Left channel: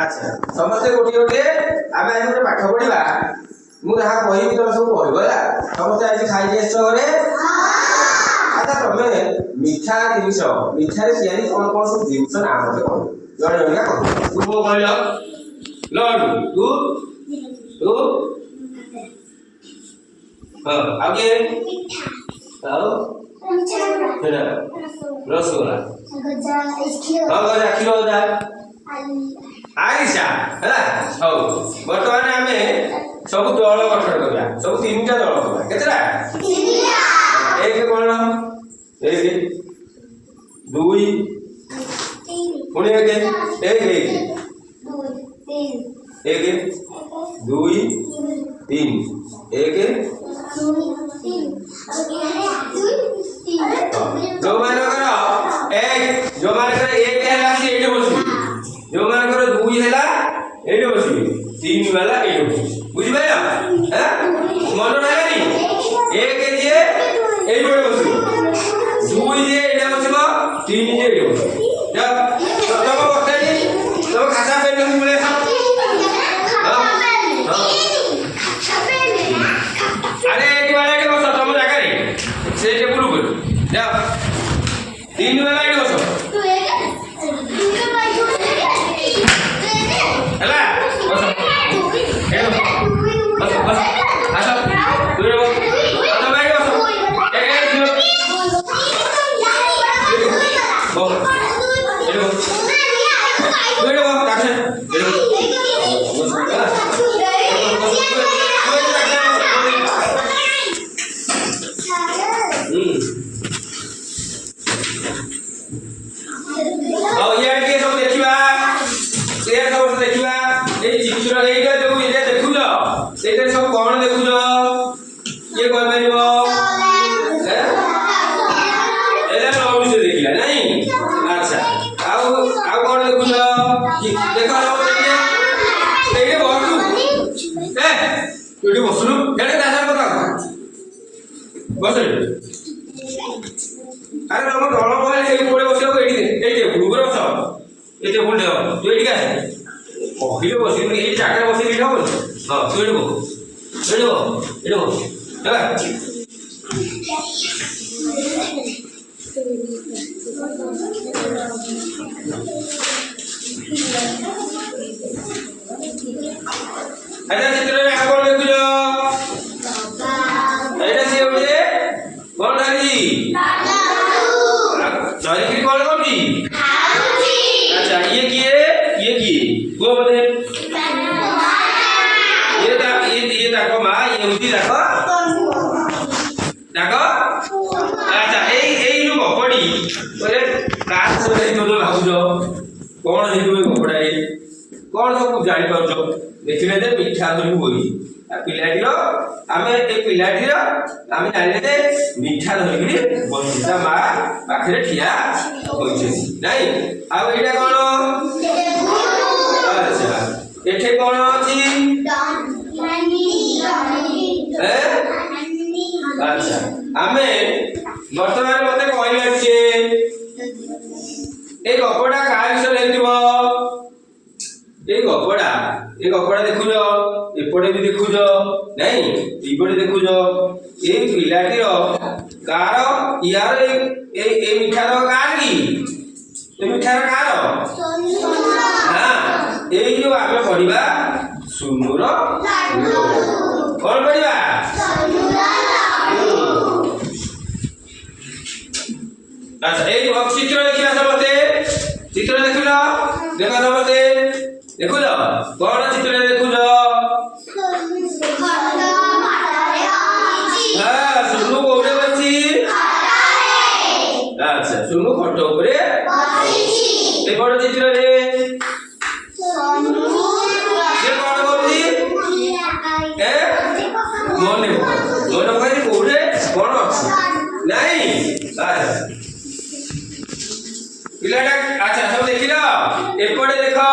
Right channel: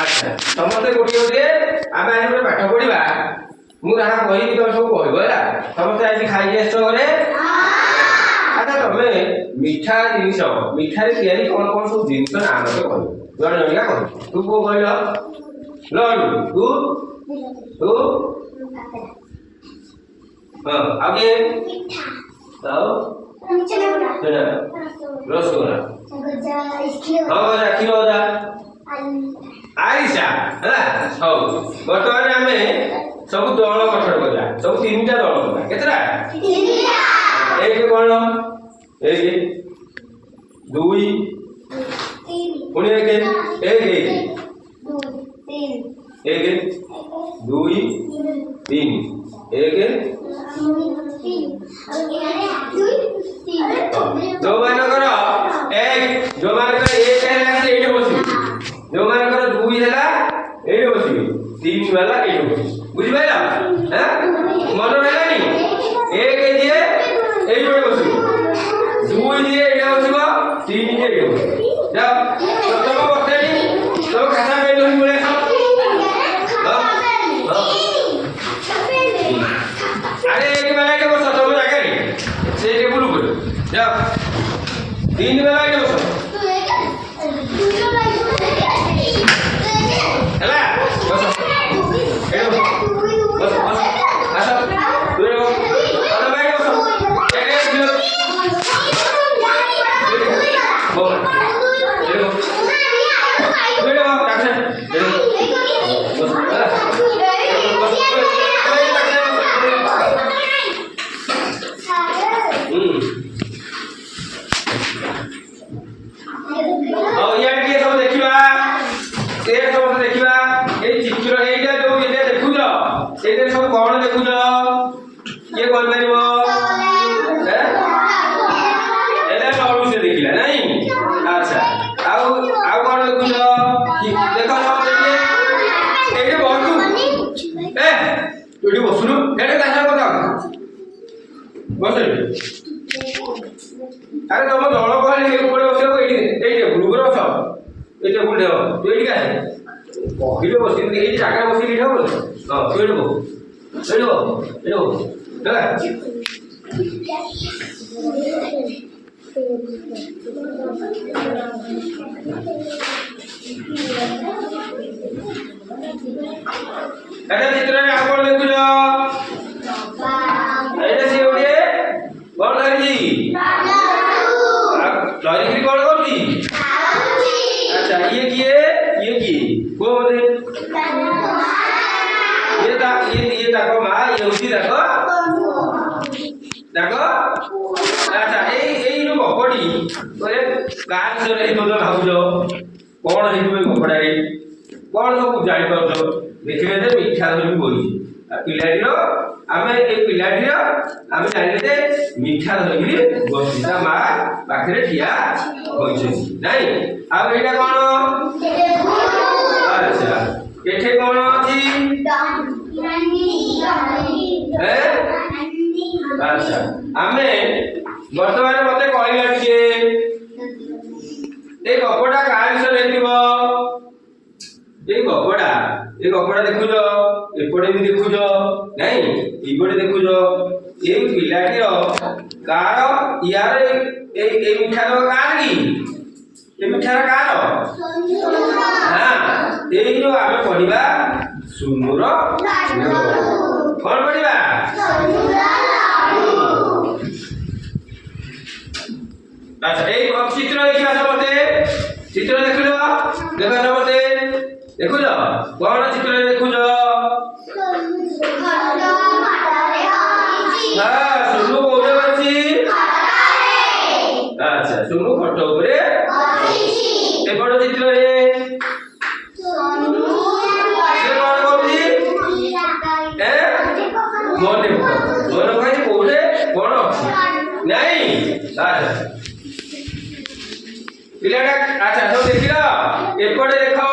अच्छा समस्ते गोटे गोटे आम आज गोटे पाठ पढ़ा मुझे कहि तुम सब कहला समस्ते आज खाई आस घरे अच्छा तुम मिठा जिनस मिठार तैयारी कौन कौन सब जिनस ना मत कह जन जनिका कह तू कौ कहल लड्डू तू तू हाँ आगे रसगोला हाँ गजा क्षीर गजा आरिसा है हौ बर्तमान आम सब दल गठन करवा सब तीन टा दल करवा केतरा एक कौन एक दुई पुणी एक दुई तीन एक जो मानकर एक जो मानकर एक है से एटे बसु जो मानकर दुई है एटे बसु तीन वाला एटे बसु बुझि पाइला हैं मन रहला नी एक जे एटे बसु दुई जे एटे बसबो तीन जे एटे बसु जा प्रथम बसै तो खाता पे नहीं बोले अरे एक वाला के बस तुम जाके से टेबल ऊपर जा तीन वाला के बस हला बस बस आसा तू रे तो भाई बस एक बोल देखो तू रे कासे कौन देखुज ये कौन मारिबो लड्डू से देखिला नहीं अच्छा आउ कौन देखुज देखो एटे बसु एटी बसुनु एटे दासा बता बस अरे तुम दल कहले हे ऊपर बसियो एटी ए टेबुल ऊपर बस ए टेबुल दे तू एटी का कहिले बसिन एटी जागा बसि दिखा बोल हां तू एटी बो एडो देखा अच्छा चित्र में आप कौन देखुज एटा से ओडे कौन धरी धरी की कौन करती अच्छा ये किए को बोले ये ताको मा ये उसी ताको अच्छा ए लो कपड़ी ओरे काट से नहीं तो भाउजो कौन हेतु कपड़ा ए कौन सब जानि पाउछो देखिले जे मिठा धरि बोई आ पिलाडीरो आमे ए पिलाडीरो आमे जानिले जे मिठा धरि बोई ता मा पाखरे ठिया होइछे नाही आ एटा कोन अच्छा एठे कोन अछि अच्छा आमे वर्तमान मते कहला जे ए कपड़ा का विषय लेतिबो ए कपड़ा देखुजो एपटे भी देखुजो नहीं इपटे देखुजो ए पिलाटीरो कार यार ए मिठा रो कार की ए मिठा रो कार हां ए जो आमे पढिबा सुनुर कौन पढिबा अच्छा एक चित्र देखिया समते चित्र देखुलो देखा समते देखुलो कौन चित्र देखुलो हां सुनु कोने बची अच्छा सुनु फोटो ऊपर बची ए बड़ चित्र रे सुनु से कौन करती ए मोने कहि कोने कौन अछि नहीं अच्छा पिलाटा अच्छा सब देखिला एपटे देखो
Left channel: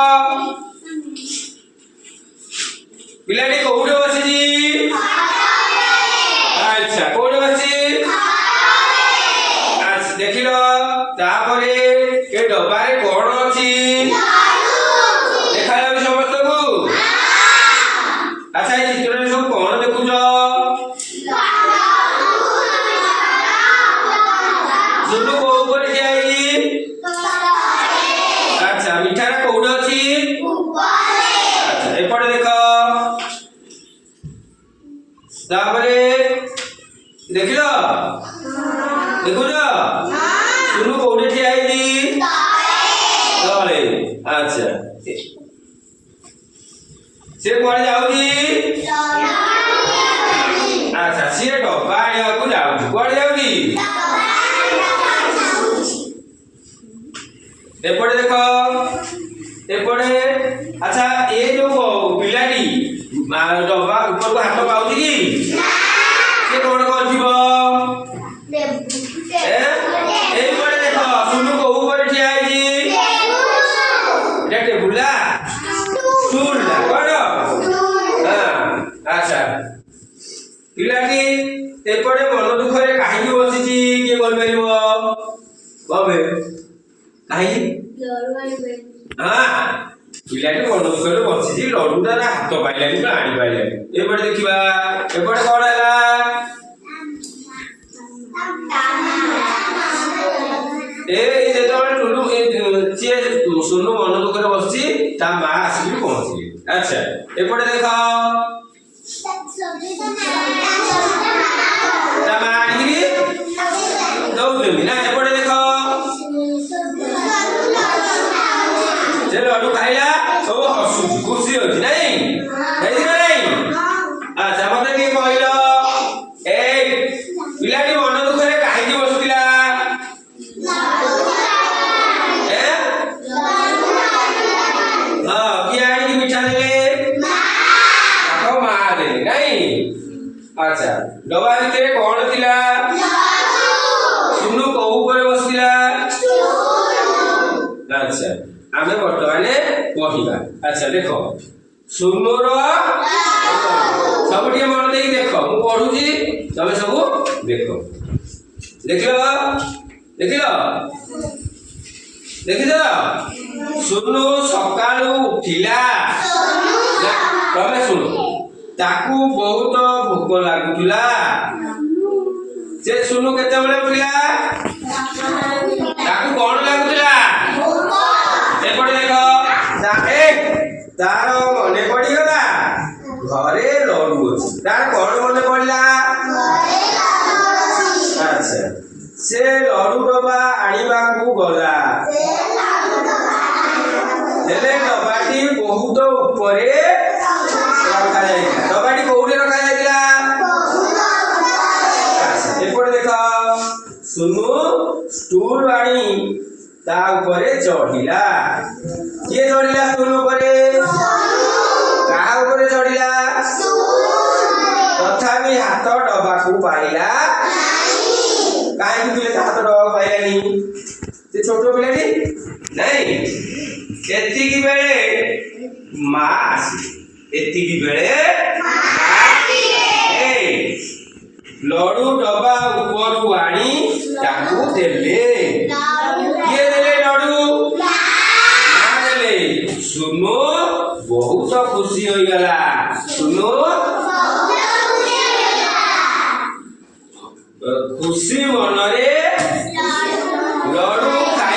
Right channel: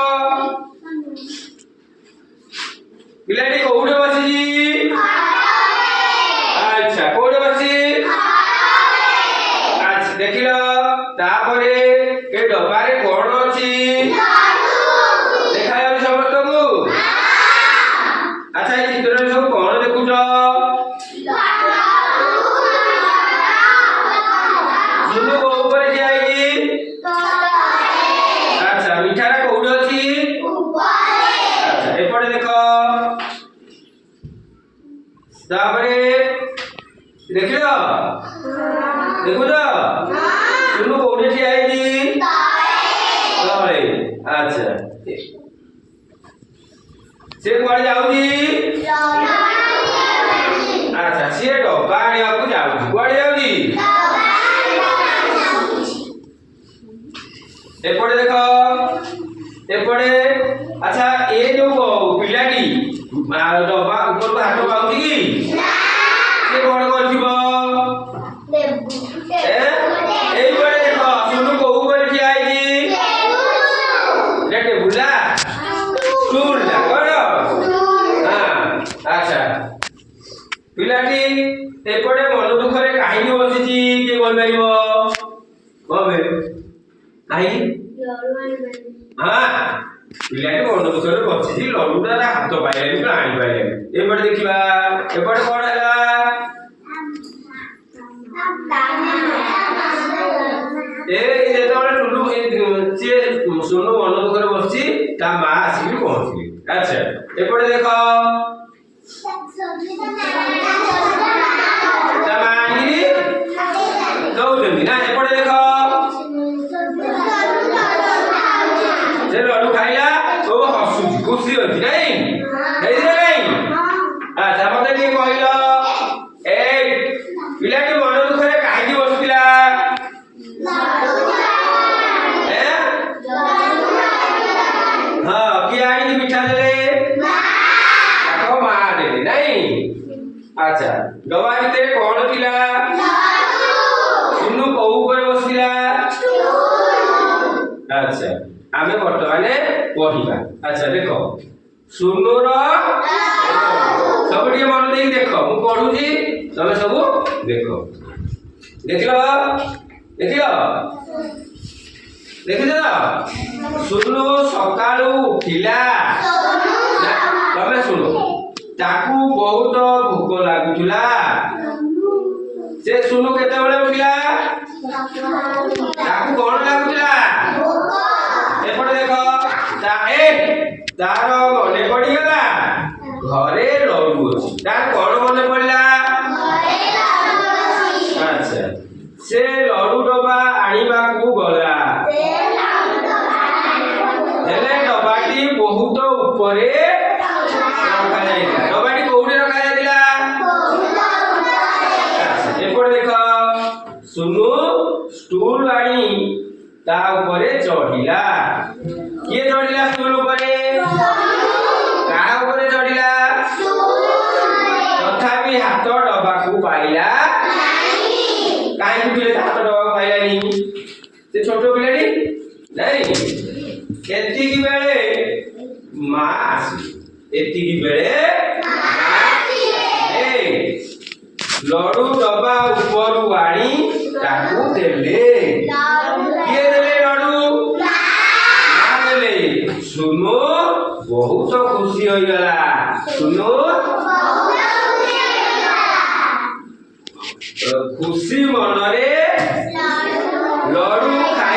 पिलाटी कोउडे बसी जी अच्छा कोउडे बसी अच्छा देखिलो तापरे ए डब्बारे कोन अछि देखा तापरे देखिल देखुछ सुनु कोठे ठिया हेछि तळे अच्छा से कुआडे जाउची अच्छा से डब्बा आनियाकू जाउची कुआडे जाउची एपटे देख एपटे अच्छा ए जो पिलाटी डब्बा ऊपर को हाथ पाउची कि से कोन करथिबो ए पटे देख सुनु को ऊपर ठिया हेछि टेबुल ला स्टूल ला कोन हां अच्छा पिलाटी एपटे मन दुखरे काहे बसिची के बोल परिबो कबे काहे हां पिलाटी मन दुखरे बसिची लडुटा हाथ पाइलानी आनी पाइलानी एपटे देखिबा एपटे कोन हैला ए जेतोले टुलु ए चे सुनु मन दुखरे बसची ता मा आसी पहुंची अच्छा एपटे देखो तमानी दौदमी ना एपटे देखो जे लडू खाइला सब हसुची खुशी होची नहीं हेदी नहीं अच्छा मते के कहलो ए पिलाटी मन दुखरे काहे बसुतिला ए हां कियाडी की मिठा देले ताको मा देले नहीं अच्छा डबा भितर कोन थिला सुनु को ऊपर बसिला अच्छा आमे वर्तमाने पढिबा अच्छा देखो सुनु रो सब टिके मन देई देखो मु पढुजी तमे सब देखो देखिलो देखिलो देखिलो सुनु सकाळू उठिला तमे सुनो ताकू बहुत भोक लागुला से सुनु केते बेले उठिला ताकू कोन लागुला एपटे देखो ता ए तारो मने पड़ी गला घरे लडू अछि तार कोन मने पड़ला अच्छा से लडू डबा आनिबा को गला हेले डबाटी बहुत ऊपरे रखा जाइला डबाटी कोउडे रखा जाइला अच्छा एपटे देखो सुनु स्टूल आनी ता ऊपरे चढ़िला किए चढ़िला स्टूल ऊपरे का ऊपरे चढ़िला तथापि हाथ डबा को पाइला काहे कि पिले हाथ डबा को पाइलानी से छोटो पिलाटी नहीं एति की बेले मा आसी एति की बेले ए लडू डबा ऊपर आनी ताकू देले किए देले लडू ना देले सुनो बहुत खुशी होई गला सुनो खुशी मनरे